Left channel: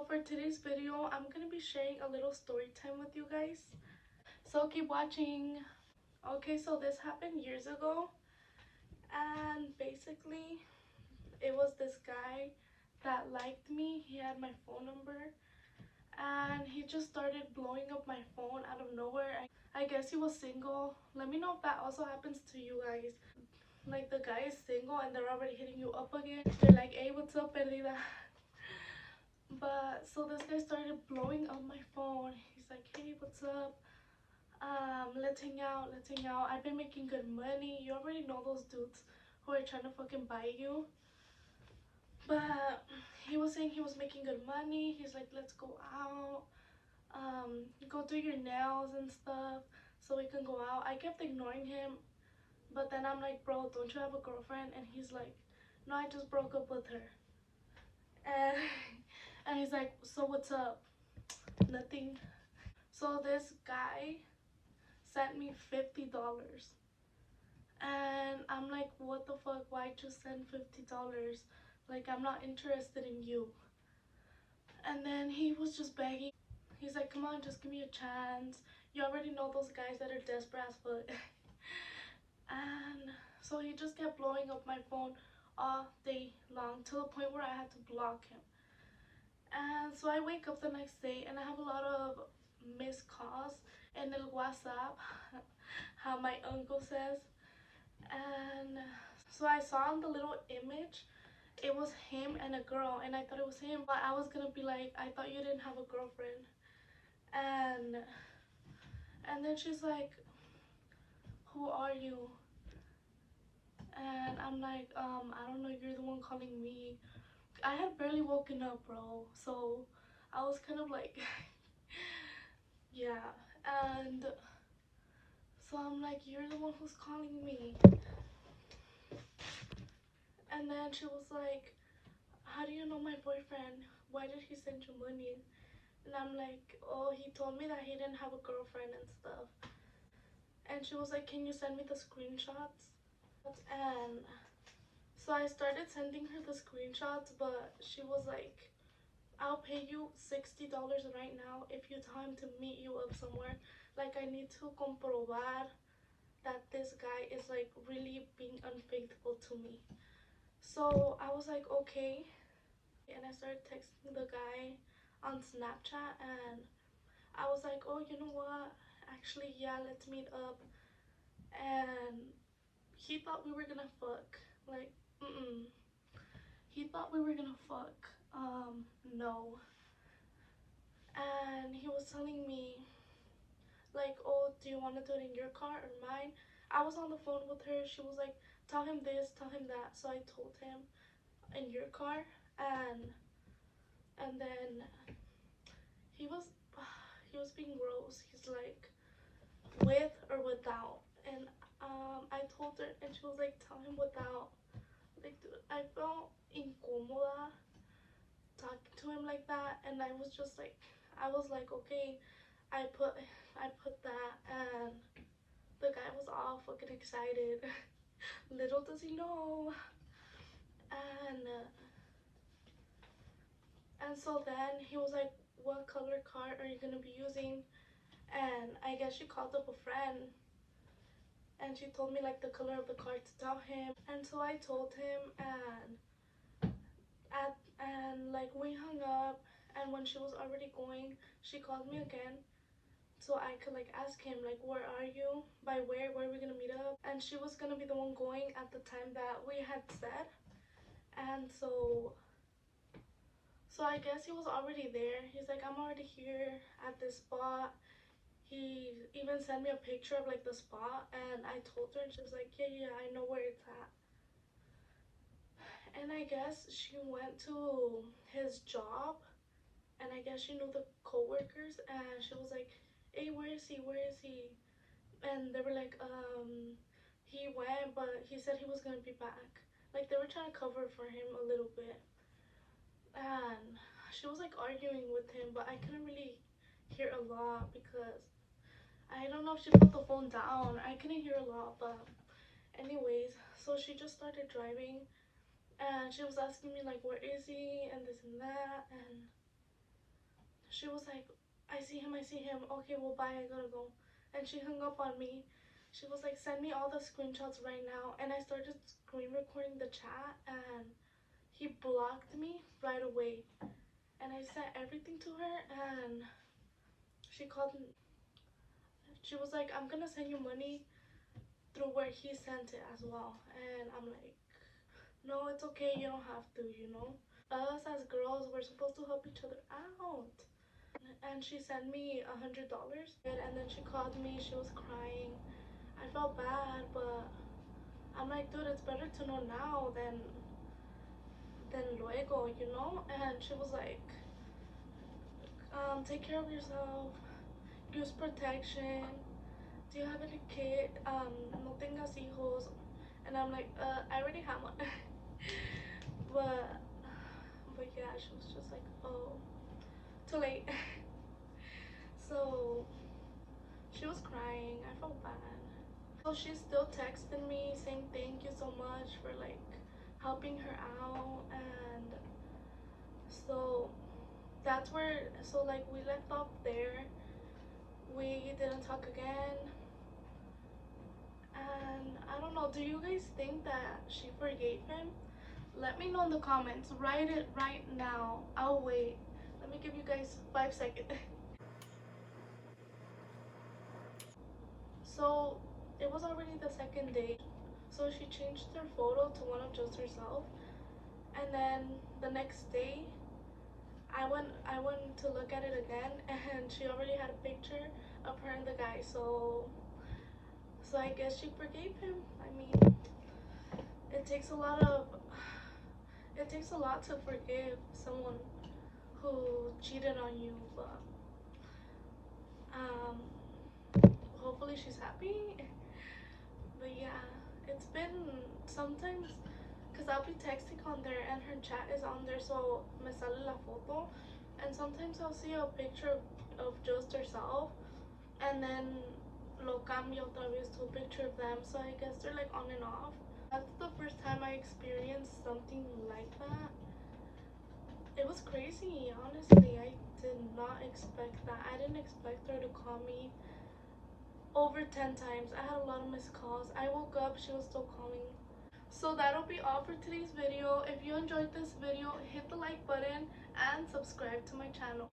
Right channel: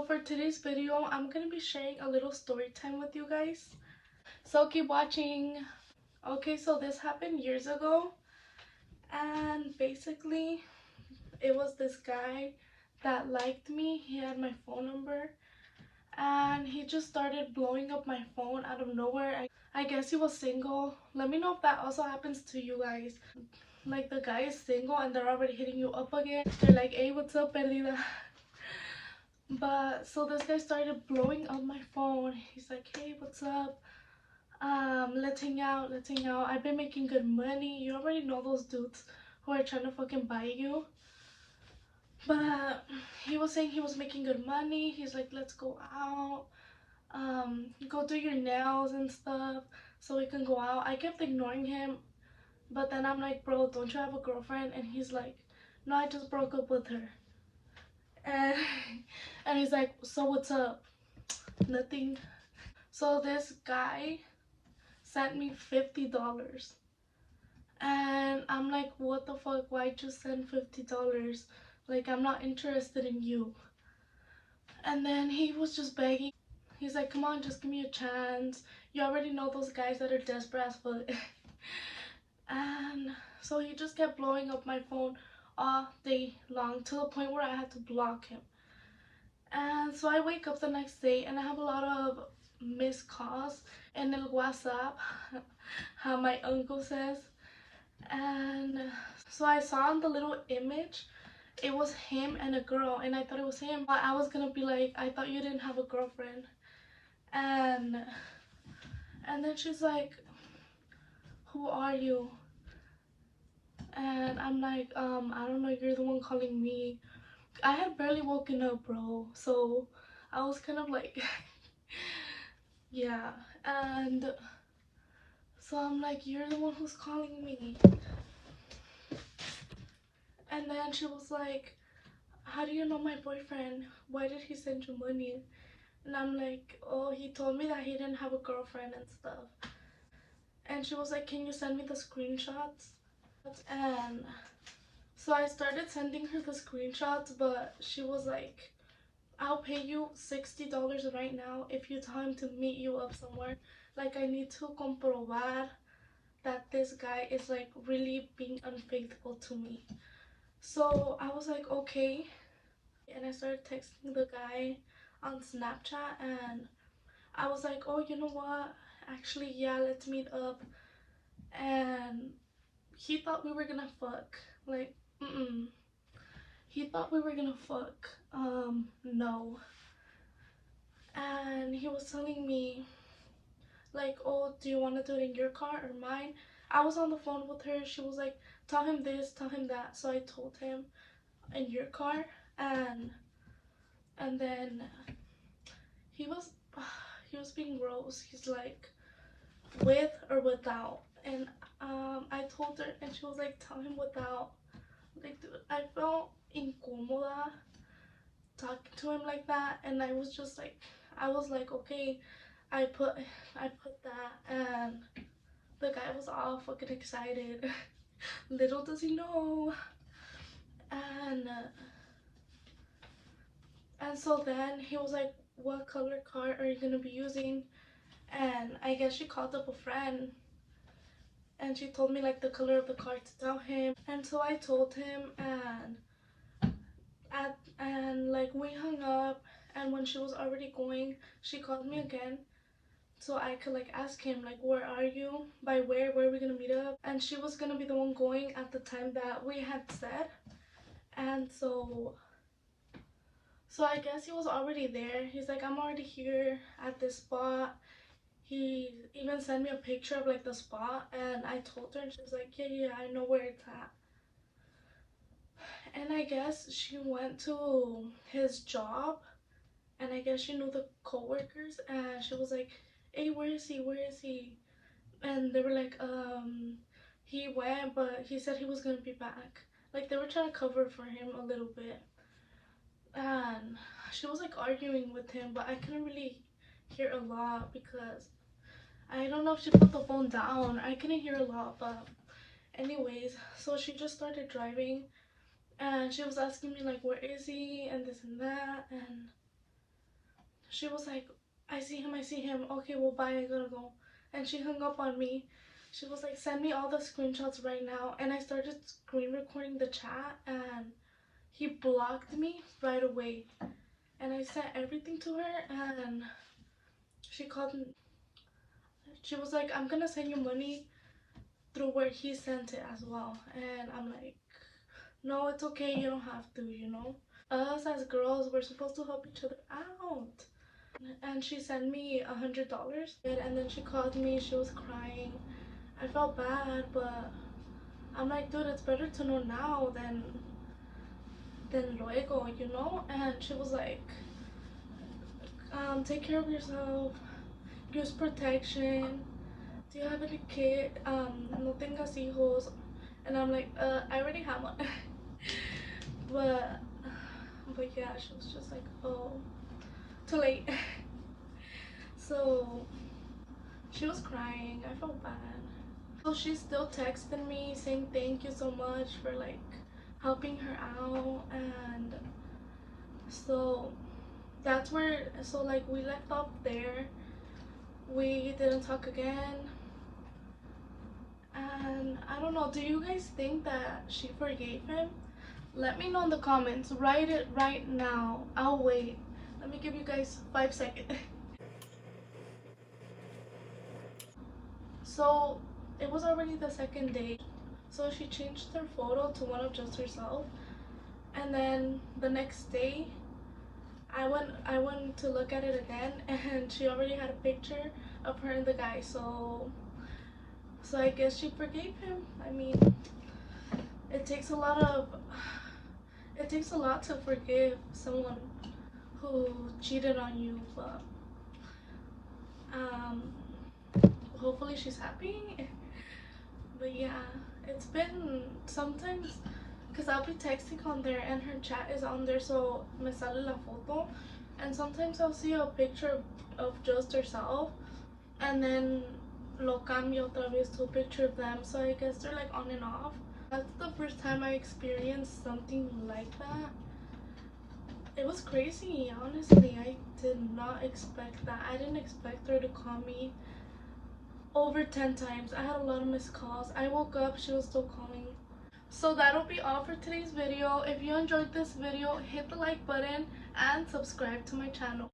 So for today's video, I'm gonna be sharing a little story time with you guys. So keep watching. Okay, so this happened years ago, and basically it was this guy that liked me. He had my phone number, and he just started blowing up my phone out of nowhere. I guess he was single. Let me know if that also happens to you guys. Like the guy is single and they're already hitting you up again. They're like, hey, what's up, Elida? But so this guy started blowing up my phone. He's like, hey, what's up? Let's hang out, let's hang out. I've been making good money. You already know those dudes who are trying to fucking buy you. But he was saying he was making good money. He's like, let's go out. Go do your nails and stuff so we can go out. I kept ignoring him, but then I'm like, bro, don't you have a girlfriend? And he's like, no, I just broke up with her. And and he's like, so what's up? Nothing. So this guy sent me $50, and I'm like, what the fuck, why'd you send $50? Like, I'm not interested in you. And then he was just begging. He's like, come on, just give me a chance. You already know those guys that are desperate as fuck. And so he just kept blowing up my phone all day long to the point where I had to block him. And so I wake up the next day and I have a lot of missed calls in el WhatsApp, how my uncle says. And so I saw on the little image, it was him and a girl, and I thought it was him. But I was gonna be like, I thought you didn't have a girlfriend. And then she's like, who are you? And I'm like, I don't know, you're the one calling me. I had barely woken up, bro, so I was kind of like yeah. And so I'm like, you're the one who's calling me. And then she was like, how do you know my boyfriend? Why did he send you money? And I'm like, oh, he told me that he didn't have a girlfriend and stuff. And she was like, can you send me the screenshots? And so I started sending her the screenshots, but she was like, I'll pay you $60 right now if you tell him to meet you up somewhere. Like, I need to comprobar that this guy is like really being unfaithful to me. So I was like, okay. And I started texting the guy on Snapchat, and I was like, oh, you know what? Actually, yeah, let's meet up. And he thought we were gonna fuck. Like, he thought we were gonna fuck. No. And he was telling me, like, oh, do you want to do it in your car or mine? I was on the phone with her. She was like, tell him this, tell him that. So I told him in your car. And then he was being gross. He's like, with or without? And I told her, and she was like, tell him without. Like, dude, I felt incómoda talking to him like that, and I was just like, I was like, okay. I put that, and the guy was all fucking excited. Little does he know. And so then he was like, what color car are you gonna be using? And I guess she called up a friend, and she told me like the color of the car to tell him. And so I told him, and like we hung up. And when she was already going, she called me again so I could like ask him like, where are you? By where are we gonna meet up? And she was gonna be the one going at the time that we had said. And so I guess he was already there. He's like, I'm already here at this spot. He even sent me a picture of like the spot, and I told her, and she was like, yeah, I know where it's at. And I guess she went to his job, and I guess she knew the co-workers, and she was like, hey, where is he? And they were like, he went, but he said he was gonna be back. Like, they were trying to cover for him a little bit. And she was like arguing with him, but I couldn't really hear a lot because I don't know if she put the phone down. I couldn't hear a lot. But anyways, so she just started driving, and she was asking me like, where is he, and this and that. she was like, I see him, I see him. Okay, well, bye, I gotta go. And she hung up on me. She was like, send me all the screenshots right now. And I started screen recording the chat, and he blocked me right away. And I sent everything to her, and she called me. She was like, I'm gonna send you money through where he sent it as well. And I'm like, no, it's okay, you don't have to, you know. Us as girls, we're supposed to help each other out. And she sent me $100, and then she called me. She was crying. I felt bad, but I'm like, dude, it's better to know now than luego, you know. And she was like, take care of yourself, use protection, do you have any kid, no tengas hijos. And I'm like, I already have one. but yeah, she was just like, oh, too late. So she was crying. I felt bad. So she still texted me saying thank you so much for like helping her out. And so that's where, so like we left off there. We didn't talk again. And I don't know, do you guys think that she forgave him? Let me know in the comments. Write it right now. I'll wait. Let me give you guys 5 seconds. So it was already the second day. So she changed her photo to one of just herself. And then the next day I went to look at it again, and she already had a picture of her and the guy. So I guess she forgave him. I mean, it takes a lot of it takes a lot to forgive someone who cheated on you, but um hopefully she's happy. But yeah, it's been sometimes, because I'll be texting on there and her chat is on there, so me sale la foto, and sometimes I'll see a picture of just herself, and then lo cambio otra vez to a picture of them, so I guess they're like on and off. That's the first time I experienced something like that. It was crazy, honestly. I did not expect that. I didn't expect her to call me over 10 times. I had a lot of missed calls. I woke up, she was still calling. So that'll be all for today's video. If you enjoyed this video, hit the like button and subscribe to my channel.